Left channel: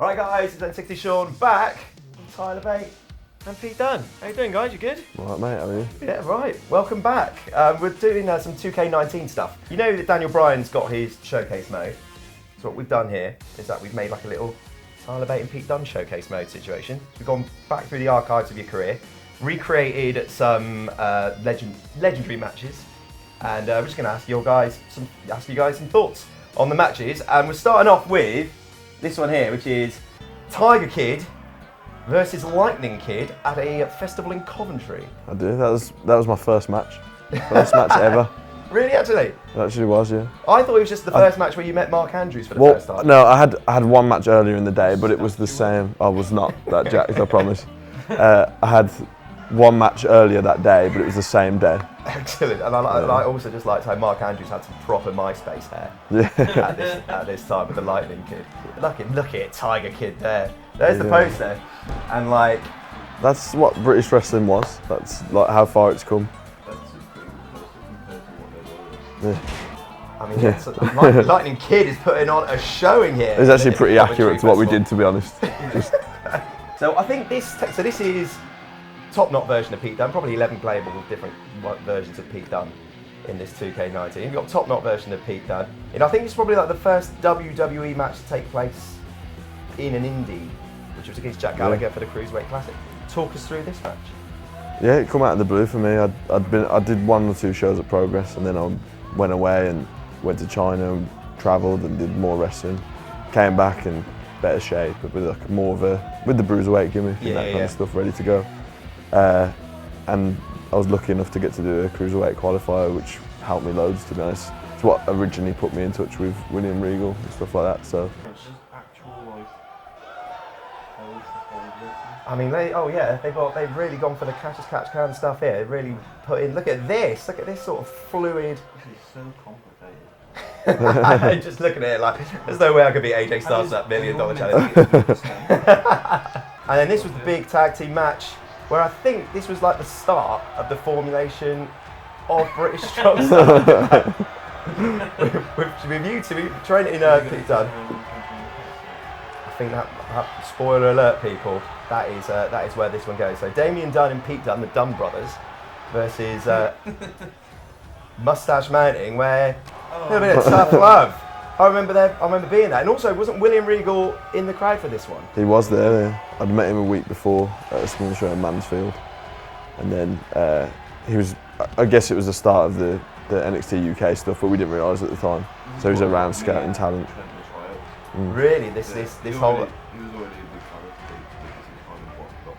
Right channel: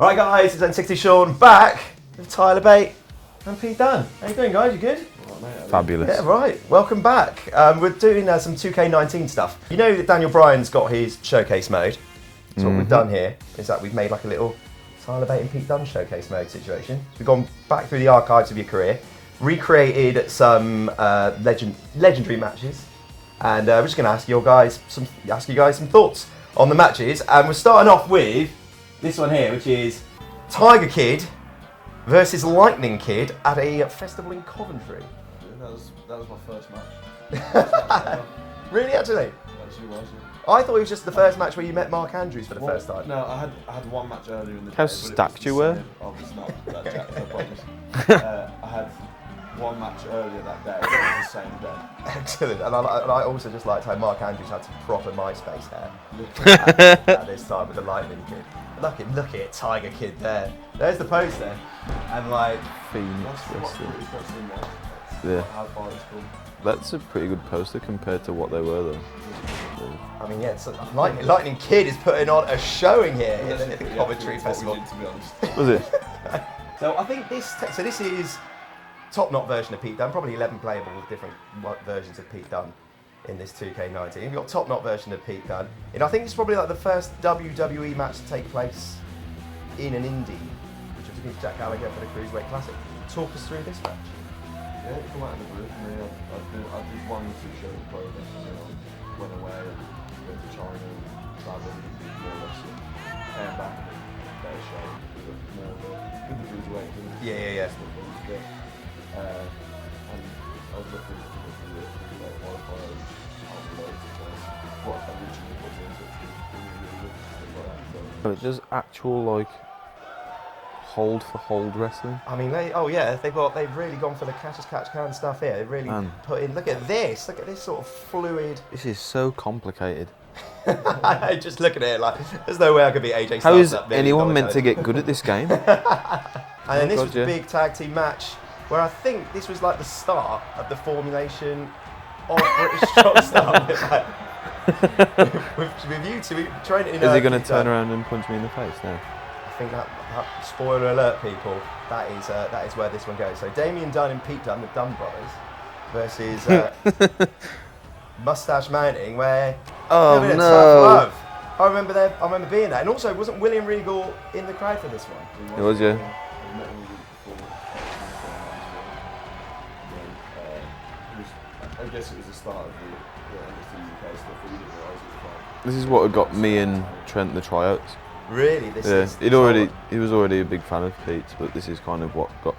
Alright guys, it's N60 Sean back with Tyler Bate and Pete Dunne. How you doing guys, you good? Alright mate, Fabulous. Yeah, right, welcome back. We're doing some 2K19 stuff. You know that Daniel Bryan's got his showcase mode. So what we've done here is that we've made like a little Tyler Bate and Pete Dunne showcase mode situation. We've gone back through the archives of your career, recreated some legendary matches, and we're just going to ask you guys some thoughts on the matches. And we're starting off with this one here, which is Tiger Kid versus Lightning Kid at a festival in Coventry. I do. That was my first match. First match ever. Really, actually? It actually was, yeah. I thought it was just the first match where you met Mark Andrews for the first time. No, I had one match earlier in the day, How but it was the stacked you same. I was not that jacked, I promise. I had one match earlier that day, but it was the same day. Excellent. And I also just liked how Mark Andrews had some proper MySpace hair at this time with the Lightning Kid. Look at it, Tiger Kid there. There's the poster. And like... That's what British wrestling was. That's like how far it's come. That's a pretty good poster compared to what they were though. Yeah. I mean, yeah, Lightning Kid is putting on a showing here. It's actually pretty Coventry accurate to what we Festival. did, to be honest. Was it? So I think this is top knot version of Pete Dunne, probably 11 playable with different versions of Pete Dunne in this 2K19. You've got top knot version of Pete Dunne. And I think it's probably like the first WWE match to take place in an indie, which was against Jack Gallagher for the Cruiserweight Classic. Talk us through this match. Yeah, it come out of the blue for me. I did 1 or 2 shows at Progress, and then I went away and went to China and travelled and did more wrestling. Came back in better shape, but with like more of with the Bruiserweight gimmick and that kind of stuff ready to go. And I was lucky enough to get to do a Cruiserweight qualifier, which helped me loads, to be honest. It's what originally put me in touch with William Regal and stuff like that. So It's just actual like hold for hold wrestling. I mean, they've really gone for the catch as catch can stuff here. They really put in. Look at this sort of fluid. This is so complicated. Just looking at it, like there's no way I could be AJ Styles. How is that anyone meant to get good at this game? And then this was the big tag team match, where I think this was like the start of the formulation of British Strong Style. with you two training in. Is he going to turn around and punch me in the face now? I think that spoiler alert, people. That is where this one goes. So Damien Dunne and Pete Dunne, the Dunne brothers, versus Mustache Mounting, where a bit of tough love. I remember being there, and also wasn't William Regal in the crowd for this one? he was there. Yeah. I'd met him a week before at a small show in Mansfield, and then he was. I guess it was the start of the NXT UK stuff, but we didn't realise at the time. This is So he what was around got me scouting and talent. Trent the tryouts. Really, He was already a big fan of Pete's, but this is kind of what got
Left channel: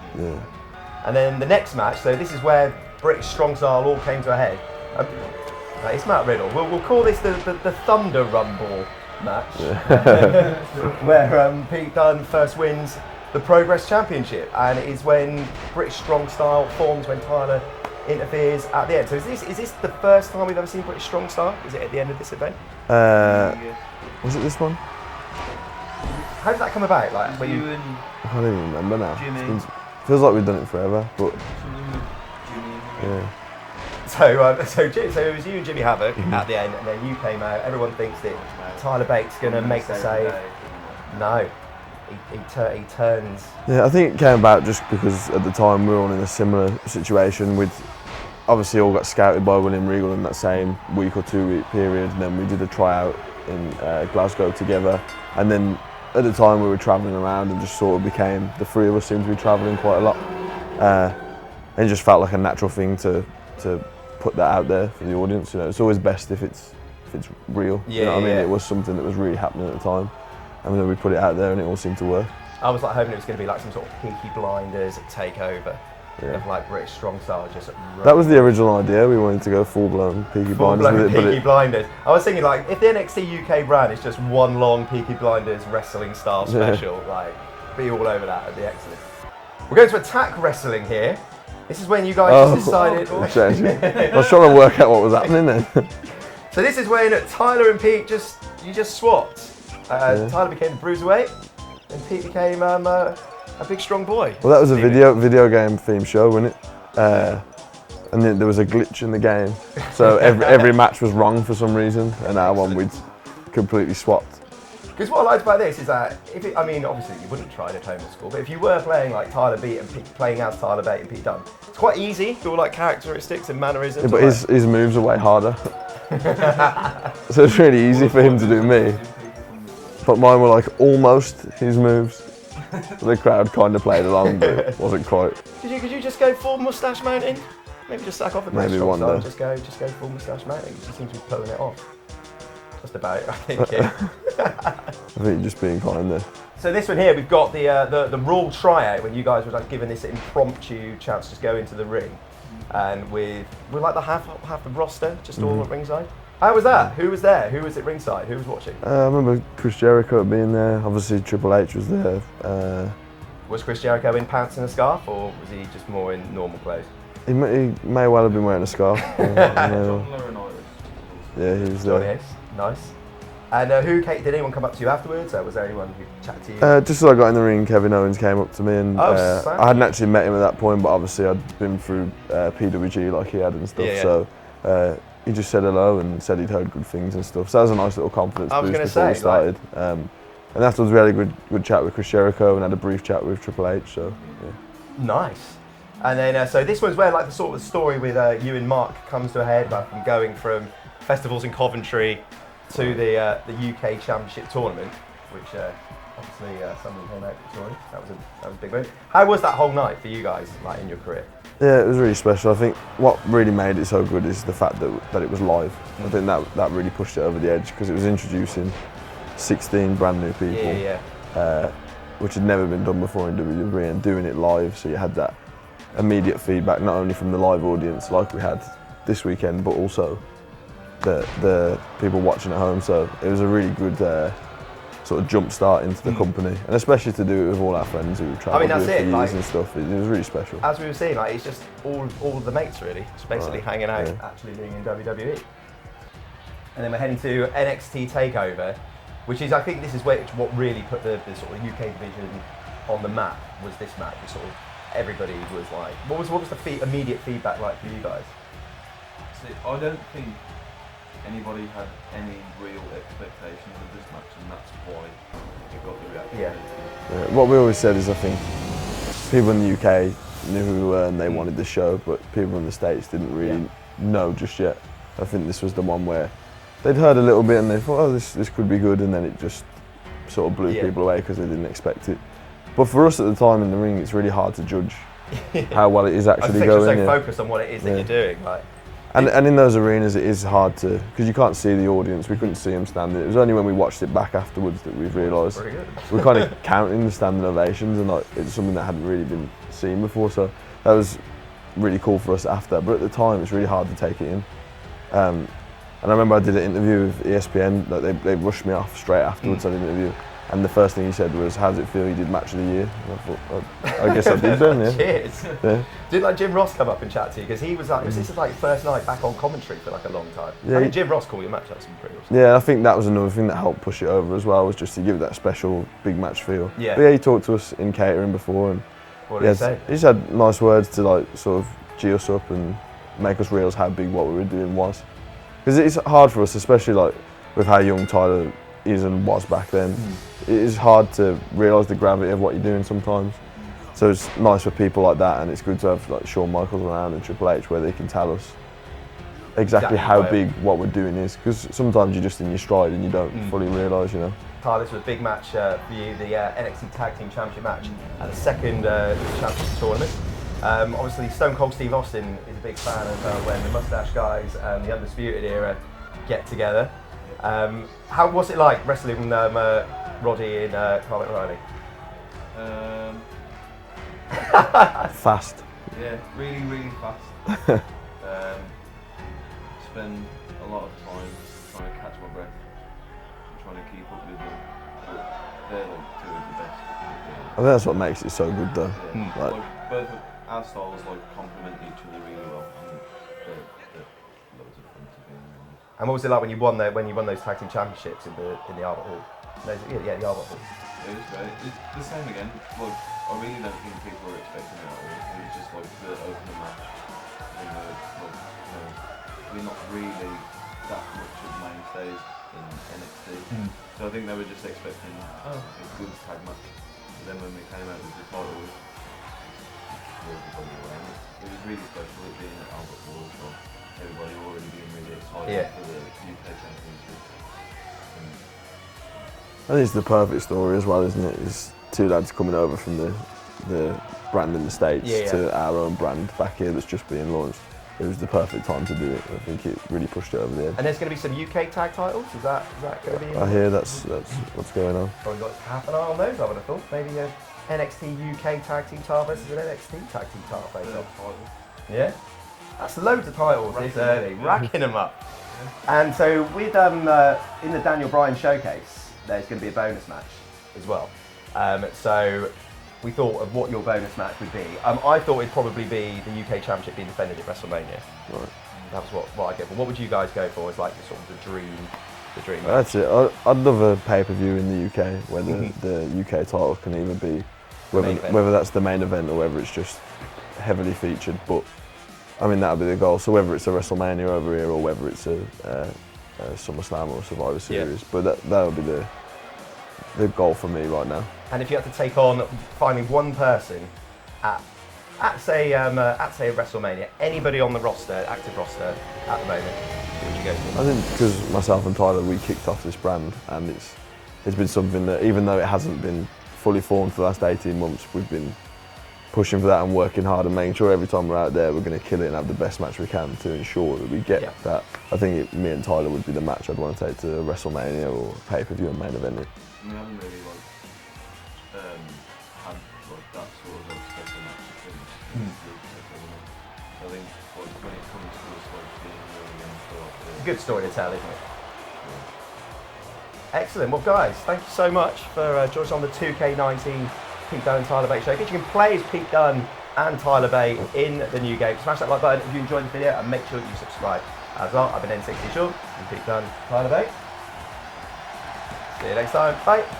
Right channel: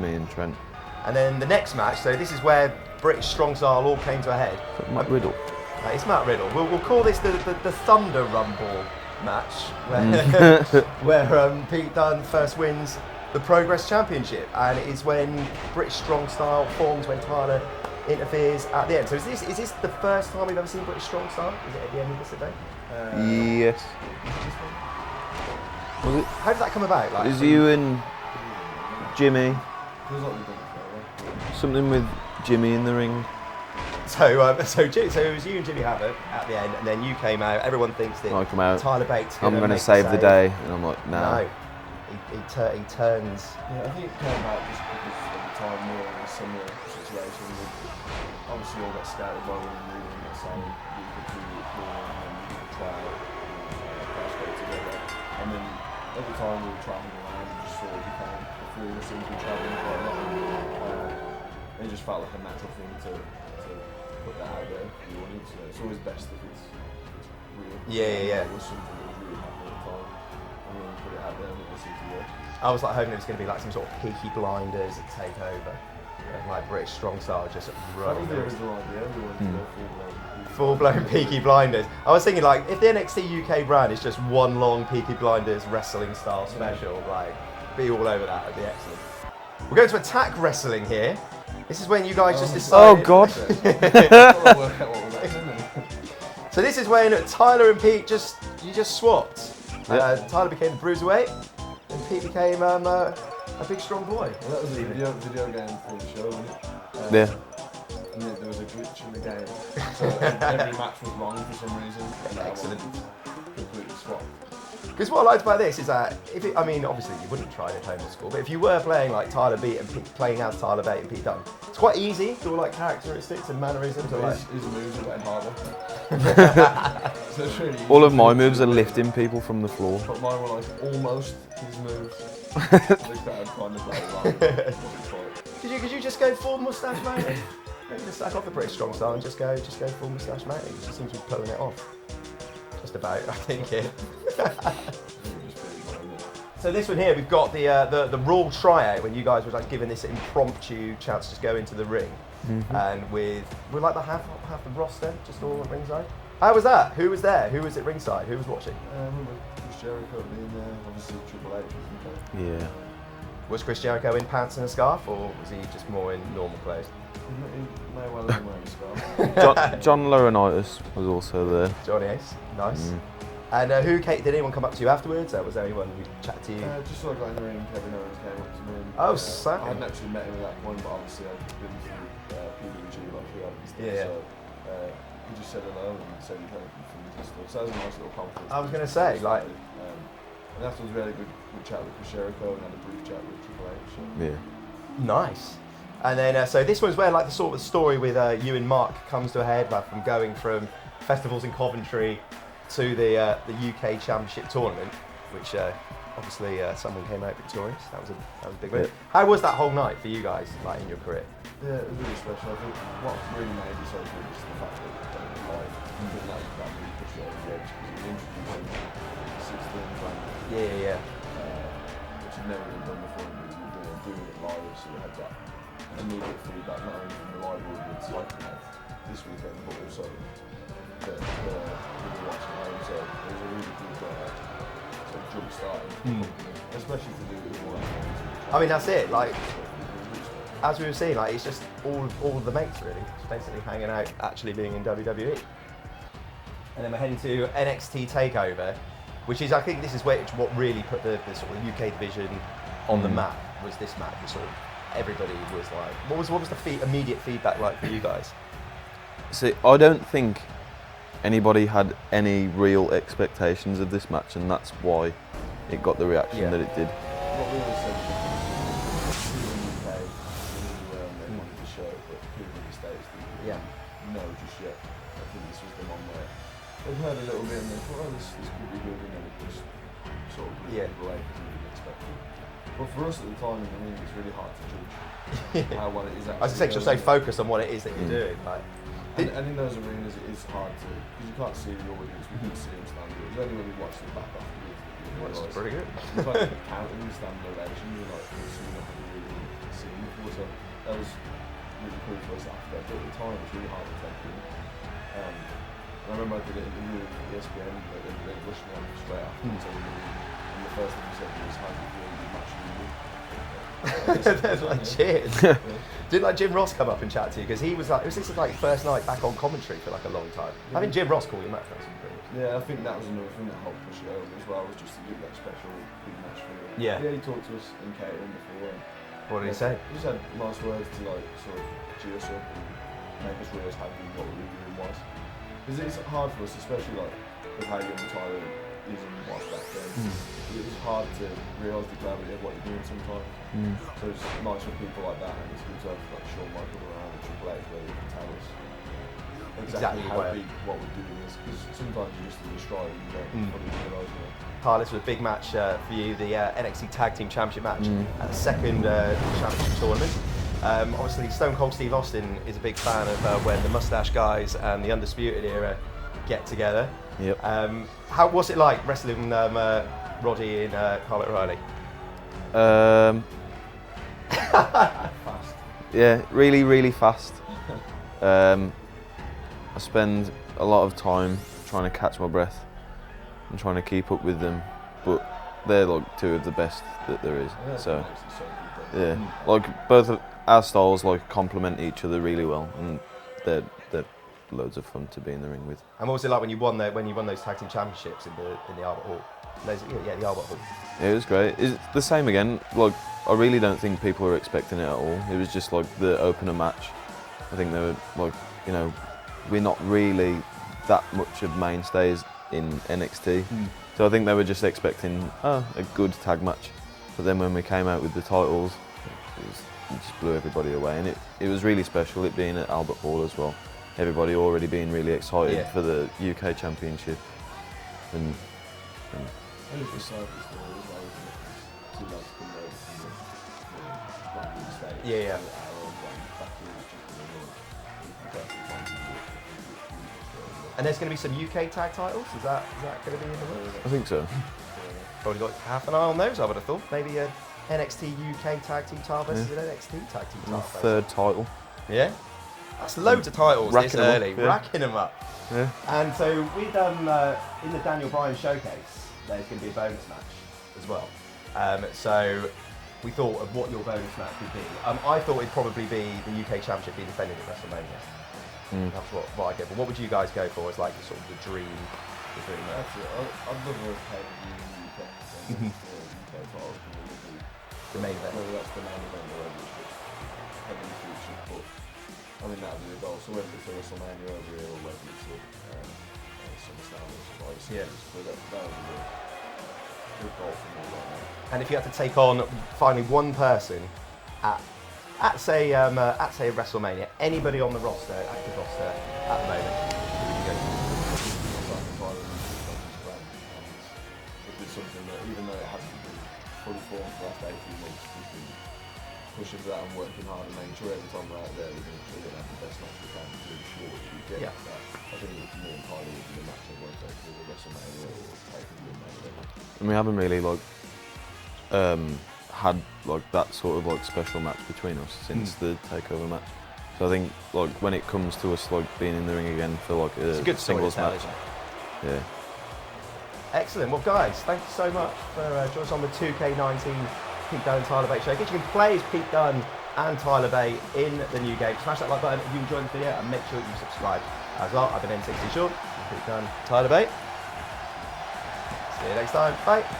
me and Trent. And then the next match. So this is where British Strong Style all came to a head. Matt Riddle. No, it's Matt Riddle. We'll call this the Thunder Rumble match, where Pete Dunne first wins the Progress Championship, and it is when British Strong Style forms when Tyler interferes at the end. So is this the first time we've ever seen British Strong Style? Is it at the end of this event? Yes. Was it this one? How did that come about? Like, Is you and I don't even remember now. Jimmy? Feels like we've done it forever, but Something with Jimmy in the ring. So it was you and Jimmy Havoc at the end, and then you came out. Everyone thinks that I come out. Tyler Bate's I'm going to make save the day. And I'm like, No, he turns. yeah, I think it came about just because at the time we were all in a similar situation. With obviously all got scouted by William Regal in that same week or 2 week period, and then we did a tryout in Glasgow together, and then at the time we were travelling around and just sort of became, the 3 of us seemed to be travelling quite a lot, and it just felt like a natural thing to put that out there for the audience. You know, it's always best if it's real. Yeah, you know what I mean? yeah. It was something that was really happening at the time, and then we put it out there and it all seemed to work. I was like hoping it was going to be like some sort of Peaky Blinders takeover of like British Strong Style. Just That was the original idea. We wanted to go full-blown Peaky Blinders. Peaky Blinders. I was thinking like if the NXT UK brand is just one long Peaky Blinders wrestling style special, like be all over that. It'd be excellent. We're going to attack wrestling here. This is when you guys just decided. Oh gosh, I was trying to work out what was happening then. So this is when Tyler and Pete just swapped. Tyler became the Bruiserweight, and Pete became a big strong boy. Well, that was a video game themed show, wasn't it? And then there was a glitch in the game, so every match was wrong for some reason, and our one we'd completely swapped. Because what I liked about this is that, I mean, obviously you wouldn't try it at home or school, but if you were playing like Tyler Bate and playing as Tyler Bate and Pete Dunne, it's quite easy to all like characteristics and mannerisms. Yeah, but his moves are way harder. So it's really easy All of for my him to moves do are me. lifting people from the floor. But mine were like almost his moves. The crowd kind of played along, but it wasn't quite. Could you just go full moustache mounting? Maybe just sack off the British Maybe strong one style and day. just go full moustache mounting. You seem to be pulling it off. Just about, I think. Yeah. I think you're just being kind there. So this one here, we've got the Raw tryout when you guys were like given this impromptu chance to just go into the ring, and we're like the half the roster just all at ringside. How was that? Who was there? Who was at ringside? Who was watching? I remember Chris Jericho being there. Obviously Triple H was there. Yeah. Was Chris Jericho in pants and a scarf, or was he just more in normal clothes? He may well have been wearing a scarf. John Laurinaitis was also there. he was Johnny there. Ace, nice. And did anyone come up to you afterwards, or was there anyone who chatted to you? Just as I got in the ring, Kevin Owens came up to me, and Sam. I hadn't actually met him at that point, but obviously I'd been through PWG like he had and stuff. Yeah. So he just said hello and said he'd heard good things and stuff. So that was a nice little confidence I was boost gonna before we say, started. And afterwards we had a good chat with Chris Jericho and had a brief chat with Triple H. So Nice. And then, so this one's where like the sort of story with you and Mark comes to a head, like from going from festivals in Coventry to the UK Championship tournament, which obviously somebody came out victorious. That was a big win. How was that whole night for you guys, like in your career? yeah, it was really special. I think what really made it so good is the fact that it was live. I think that really pushed it over the edge because it was introducing 16 brand new people, which had never been done before in WWE, and doing it live, so you had that immediate feedback not only from the live audience like we had this weekend, but also the people watching at home. So it was a really good sort of jump start into the company, and especially to do it with all our friends who we've travelled that's with for it, years like- and stuff. It was really special. As we were saying, like it's just all the mates really, just basically hanging out, actually being in WWE. And then we're heading to NXT TakeOver, which is, I think this is what really put the sort of UK division on the map, was this match. And sort of everybody was like, what was the immediate feedback like for you guys? See, I don't think anybody had any real expectations of this match, and that's why it got the reaction that it did. Yeah, what we always said is, I think people in the UK knew who we were and they wanted the show, but people in the States didn't really know just yet. I think this was the one where they'd heard a little bit and they thought, oh, this could be good, and then it just sort of blew people away because they didn't expect it. But for us at the time in the ring, it's really hard to judge how well it is actually I think going. just so focused on what it is that you're doing. Like, and in those arenas, it is hard to, because you can't see the audience. We couldn't see them standing. It was only when we watched it back afterwards that we've realised we're kind of counting the standing ovations, and like it's something that hadn't really been seen before. So that was really cool for us after. But at the time, it's really hard to take it in. And I remember I did an interview with ESPN. Like they rushed me off straight afterwards. I did an interview. And the first thing he said was, "How does it feel? You did match of the year." And I thought, oh, I guess I did then. Yeah. Cheers. Yeah. Did like Jim Ross come up and chat to you? Because he was like, this is like first night back on commentary for like a long time. Yeah. I think Jim Ross called you match like some curious. Yeah, I think that was another thing that helped push it over as well, was just to give it that special big match feel. Yeah. But yeah, he talked to us in catering before, and What did he say? he just had nice words to like sort of gee us up and make us realise how big what we were doing was. Because it's hard for us, especially like with how young Tyler is and was back then. It is hard to realise the gravity of what you're doing sometimes. So it's nice for people like that, and it's good to have like Shawn Michaels around and Triple H where they can tell us exactly how big what we're doing is. Because sometimes you're just in your stride and you don't fully realise, you know. Tyler, this was a big match for you, the NXT Tag Team Championship match at the second championship tournament. Obviously, Stone Cold Steve Austin is a big fan of when the Mustache Guys and the Undisputed Era get together. Yep. How was it like wrestling Roddy in Private Riley? Fast. Yeah, really, really fast. I spend a lot of time trying to catch my breath and trying to keep up with them, but they're like two of the best that there is. I think that's what makes it so good though. Yeah, like both of our styles like complement each other really well, and they're loads of fun to be in the ring with. And what was it like when you won those Tag Team Championships in the Albert Hall? The Albert Hall. It was great. It's the same again. Like, I really don't think people were expecting it at all. It was just like the opener match. I think they were like, you know, we're not really that much of mainstays in NXT. So I think they were just expecting a good tag match. But then when we came out with the titles, it just blew everybody away. And it was really special, it being at Albert Hall as well. Everybody already being really excited for the UK Championship. And I think it's the perfect story as well, isn't it? It's two lads coming over from the brand in the States to our own brand back here that's just being launched. It was the perfect time to do it. I think it really pushed it over the edge. And there's going to be some UK tag titles. Is that going to be? I hear that's what's going on. Probably got half an eye on those, I would have thought. Maybe a NXT UK Tag Team title versus an NXT Tag Team title. third title. Yeah. That's loads of titles this early, racking them up. Yeah. And so with in the Daniel Bryan showcase, there's going to be a bonus match as well. So we thought of what your bonus match would be. I thought it'd probably be the UK Championship being defended at WrestleMania. Right. That's what I go for. What would you guys go for as like sort of the dream match? That's it. I'd love a pay-per-view in the UK where the UK title can either be whether that's the main event or whether it's just heavily featured. But I mean, that'll be the goal. So whether it's a WrestleMania over here or whether it's a SummerSlam or Survivor Series, but that'll be the goal for me right now. And if you had to take on finding one person at say WrestleMania, anybody on the roster, active roster at the moment, who would you go for? I think because myself and Tyler, we kicked off this brand, and it's been something that, even though it hasn't been fully formed for the last 18 months, we've been pushing for that and working hard and making sure every time we're out there we're going to kill it and have the best match we can to ensure that we get that. I think me and Tyler would be the match I'd want to take to WrestleMania or pay-per-view and main event. And we haven't really had that sort of special match between us since the takeover match. So I think when it comes to us being in the ring again for it's a good story to tell, isn't it? Yeah. Excellent. Well, guys, thank you so much for joining us on the 2K19 Pete Dunne Tyler Bate showcase. You can play as Pete Dunne and Tyler Bate in the new game. Smash that like button if you enjoyed the video and make sure you subscribe as well. I've been N60 Sean, Pete Dunne, Tyler Bate. See you next time. Bye.